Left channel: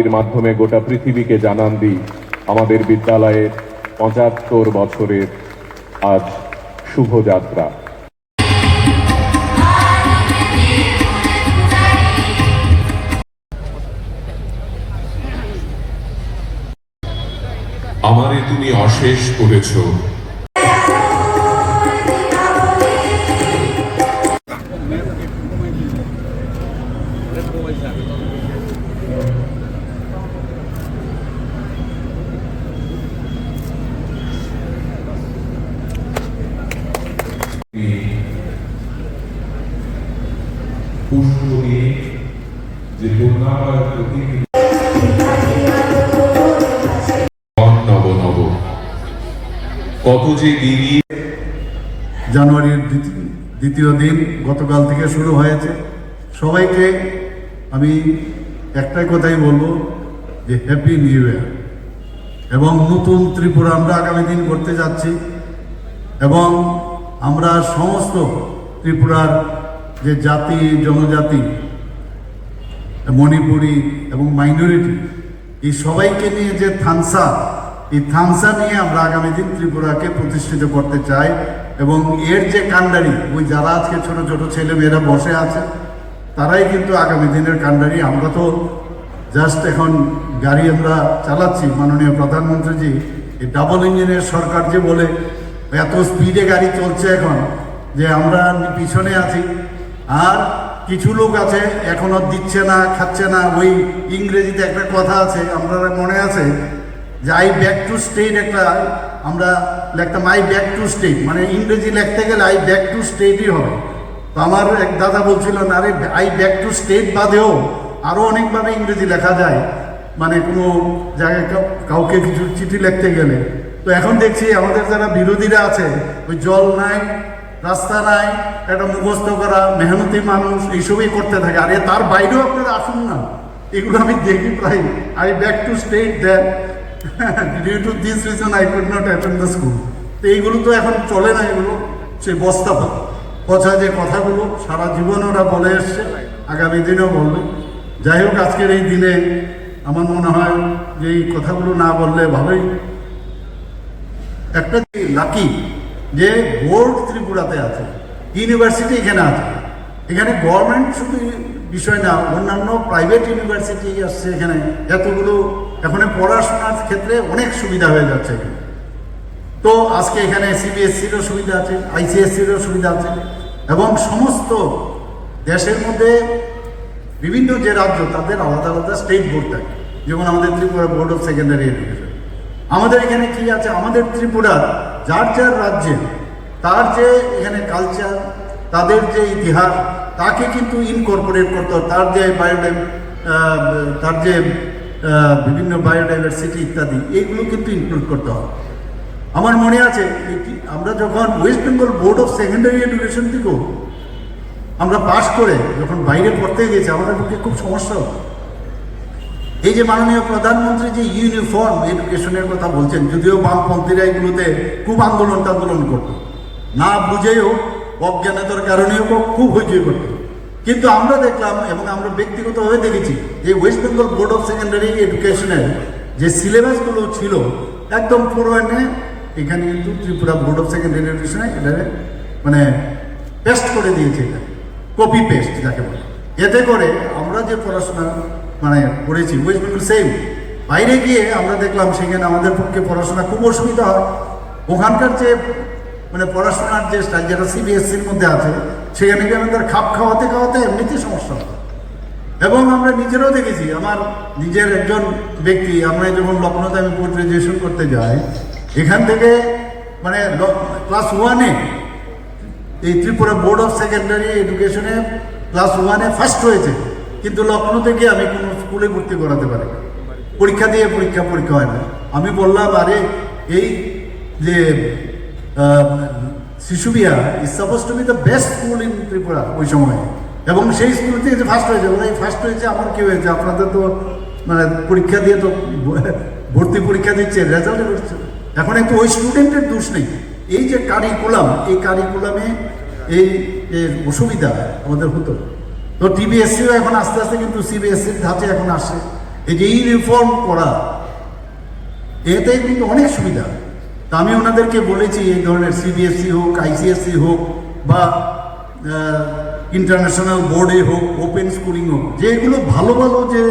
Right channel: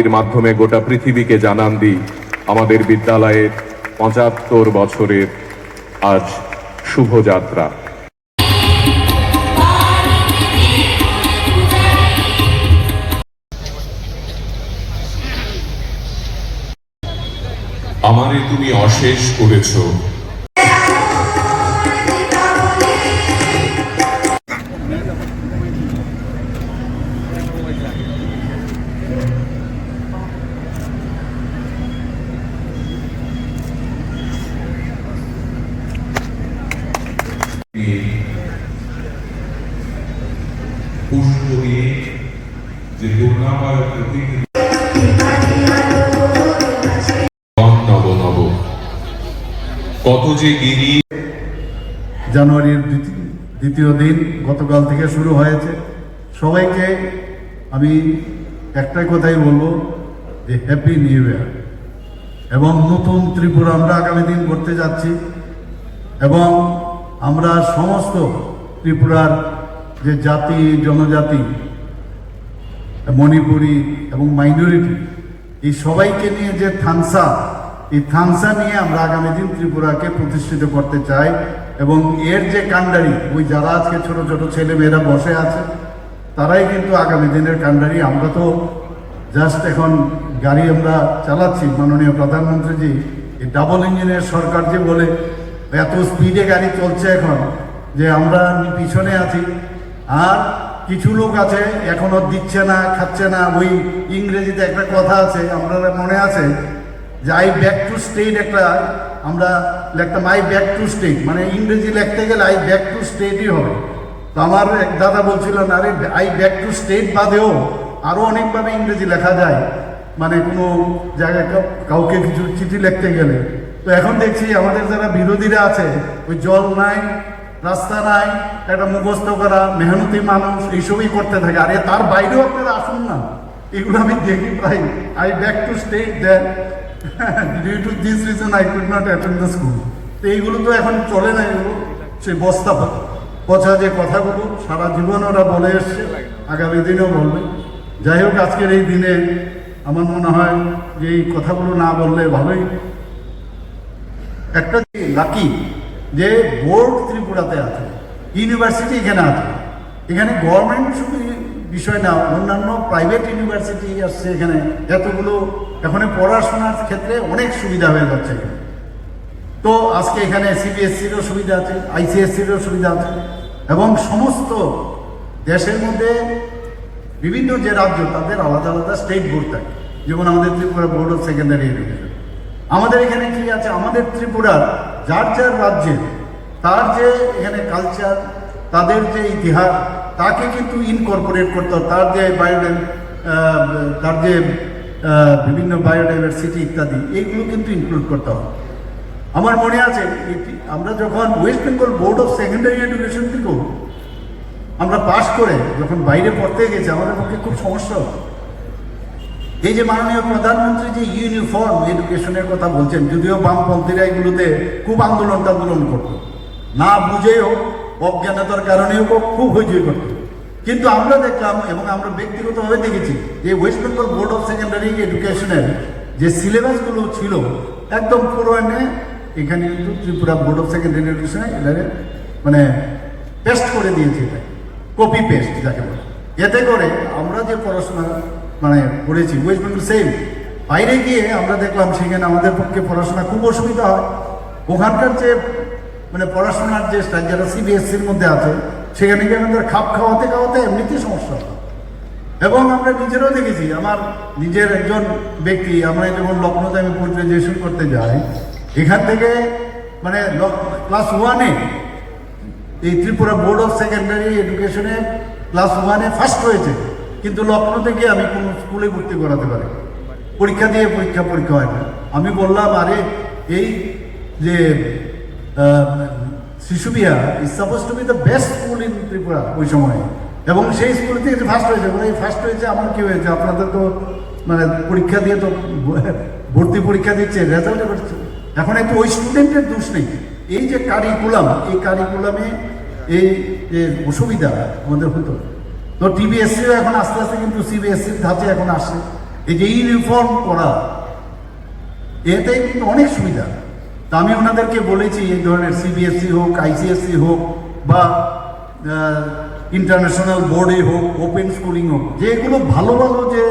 এর মাধ্যমে গোটা পৃথিবীকে জানান দিই আমাদের বিদ্যালয়ের ৭৫ বছরের আজ শুভযাত্রা। আমারে তুমি অশেষ করেছ, পুষ্প দিয়ে যে দুর্গামার প্রতি নব নব কত যে দিনই। জানুয়ারির দ্বিতীয় দিন গতকাল থেকে শুরু হয়েছে। সবাইকে আমি একটাই কথাই বলবো যে হ্যাপি নিউ ইয়ার এবং নতুন ত্রিপুরা আমরা আগামী দিন করতে যাচ্ছি এবং আমরা সমস্ত ত্রিপুরার যে জাতি জনজাতি মণিপুরি এবং মাইনরিটি এই সবাইকে নিয়ে যে থানসা, এই থানসা নিয়ে আমরা আগামী দিন ত্রিপুরাকে প্রতিষ্ঠিত করতে চাই এবং এর যে কাণ্ডারি, ওই যারা আজকে ছোট ছোট ছেলে মেয়েরা বসে আছে তারাই কিন্তু আগামী দিনের কাণ্ডারি। আমরা তো জাস্ট এখন গাড়ি আমরা চালাচ্ছি, মাননীয় প্রধানমন্ত্রীজি এই ডাবল ইঞ্জিনের সরকার যে বলে এত স্পিডে গাড়ি চলছে এখন যে আমরা পিছনে আছি। আর কিছু লোক আছে এখনো দিচ্ছে না, খাচ্ছে না। ওই ইংরেজিতে একটা কথা আছে, আপনারা মনে আছে যে আই ব্যাক টু স্টেট, একটা আমরা লিখতাম আই ব্যাক টু স্টেট, মানে ইংরেজি লিখতে গেলে আই ব্যাক টু স্টেটই হবে। তো আমার এক দাদা বলছিলেন আরে আই ব্যাক টু স্টেট বাদেও আরও অনেকভাবে ইংরেজি লেখা যায়, মানে কোনো জায়গায় কাউকে কিছু চিঠি লিখতে গেলে। তো এখন দেখছি আমাদের যারা বিরোধীরা আছে ওই জল নাই, রাস্তা নাই, একটা মুখস্থ করা মেহনতি মানুষ এইসবই করতে থাকে। আরে তার বাইরেও আপনারা আসুন না, এগুলো আমি দেখি প্রায়। I back to state that due to this reason I could not attend the school. তো এইগুলো তো এখন চলে না, এগুলো সেই বস্তা পচা যে কথাগুলো সারা জীবন ওরা বলে এসছে, আগামী দিনেও বলবে। যাই হোক, আজকের এই দিনে আমার মনে হয় যে এই কথাগুলো না বললে ভালোই। একটা লাকি যে বোর্ড ত্রিপুরাতে আছে, ইউনিভার্সিটি এখানে আছে। এখানে গভর্নমেন্ট শুধু বিষয় না, অন্যান্য প্রাইভেট ইউনিভার্সিটি আসছে এখানে। এতগুলো এখন পড়াশোনার ক্ষেত্রে অনেক সুবিধা হয়ে যাচ্ছে এখানে। তো আজকে এখানে সিবিএসসিরও সুবিধা আছে, আইসিএসসিরও সুবিধা আছে এবং সমস্ত দেশের মধ্যে বিভিন্ন যে রাজ্য তাদের আলাদা আলাদা স্টেট বোর্ড থাকে, যেমন আমাদের Tripura board of secondary education. আমাদের এখানে কি আছে, আমাদের ত্রিপুরার যার যার রাজ্যের তার যে এখানে কালচার, তাদের যে ইতিহাস, তাকে কিন্তু ইনকর্পোরেট করতে হবে। তার যে তার যে বিভিন্ন বায়োডাইভার্সিটি ইত্যাদি, এইগুলো কিন্তু ইনক্লুড করতে হবে। আমার মনে আছে আমরা যখন West Bengal board of secondary education থেকেও আমরা পাস করে যখন বাইরে পড়তে গেছি, আমাদের পক্ষে খুব সমস্যা হতো। এই যে মাননীয় প্রধানমন্ত্রী যে ইউনিফর্ম এডুকেশনের কথা বলছেন, যদিও বামপন্থীরা এগুলোতে খুব আন্দোলন করতো, না বুঝেও অজ্ঞানতার কারণেও খুব হইচই করতো। কিন্তু আমরা দেখলাম এবং আমরা ব্যক্তিগতভাবে দেখেছি যে West Bengal board of secondary এডুকেশনের যে সিলেবাসগুলো ছিল একদম পুরোনে এখানে কিন্তু ত্রিপুরা বোর্ড অফ সেকেন্ডারি এডুকেশনে মানে পেস্ট করে দিয়েছে, এটা কপি পেস্ট যাকে বলে। এতে করে আমরা যে পড়াশোনা মানে পড়েছি ওয়েস্ট বেঙ্গল সেম, বাইরে গিয়ে আমরা দেখলাম সেখানে আমাদের পক্ষে পড়াশোনা খুব অসুবিধা হয়। ওখানকার যে মানে পড়াশোনার যে স্টাইল, যারা সিবিএসসির মধ্যে আছে, সেখানে গিয়ে আমাদের খাপ খাওয়াতে এমনিতেই সমস্যা হয়। এবং আমরা নিজেরাও দেখেছি, আমার নিজের একজন ব্যক্তি, আমরা যখন লখনৌতে আমি পোস্ট গ্রাজুয়েশন করতে যাই, এখান থেকে মানে ক্লাস 1-এ এই ত্রিপুরা বোর্ড অফ সেকেন্ডারি এডুকেশনে ক্লাস 1-এ ফার্স্ট হয়েছে, কিন্তু লখনৌ থেকে আমি কোনো স্কুলে ভর্তি করাতে পারি, পরীক্ষা দিয়ে পরীক্ষা হয় না। আমি বললাম আরে এই যে শিশু Bihar is suppose two B the best school in Tripura ওই সময়, এবং সেই স্কুল থেকে ফার্স্ট হয়েছে। এই ফার্স্ট হয়েছে, আমার কি হয়েছে, আপনাদের তো মানে পরীক্ষা দিয়ে তো ভর্তি পরীক্ষা দিচ্ছে, রেজাল্ট করছে। এখন একটু ওই স্টুডেন্টের দোষ নেই, এই যে কারিকুলাম, এই কারিকুলামে এই যে অসুবিধা আমাদের হতো, তো টিবিএসসিও এখন আস্তে আস্তে কিন্তু সিবিএসসির ধাঁচে এখন আসে। এই যে ইউনিফর্ম করা, এতে কিন্তু অনেক সুবিধা। তা আমি ওনাদেরকে বলেছি এই ধরনের সিবিএসসি হোক, আইসিএসসি হোক বা ইন্টারন্যাশনাল বোর্ডে হোক, ওপেন স্কুলিং হোক, যেগুলো ভালো ভালো যে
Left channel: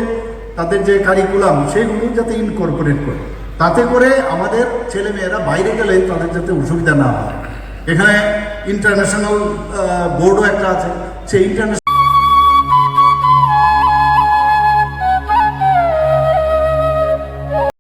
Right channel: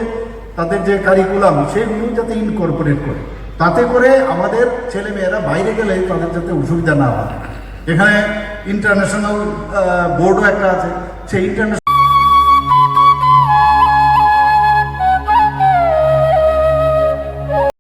তাদের যে কারিকুলাম সেগুলো যাতে ইনকর্পোরেট করে, তাতে করে আমাদের ছেলেমেয়েরা বাইরে গেলে তাদের যাতে অসুবিধা না হয়। এখানে ইন্টারন্যাশনাল বোর্ডও একটা আছে, সেই ইন্টারন্যাশনাল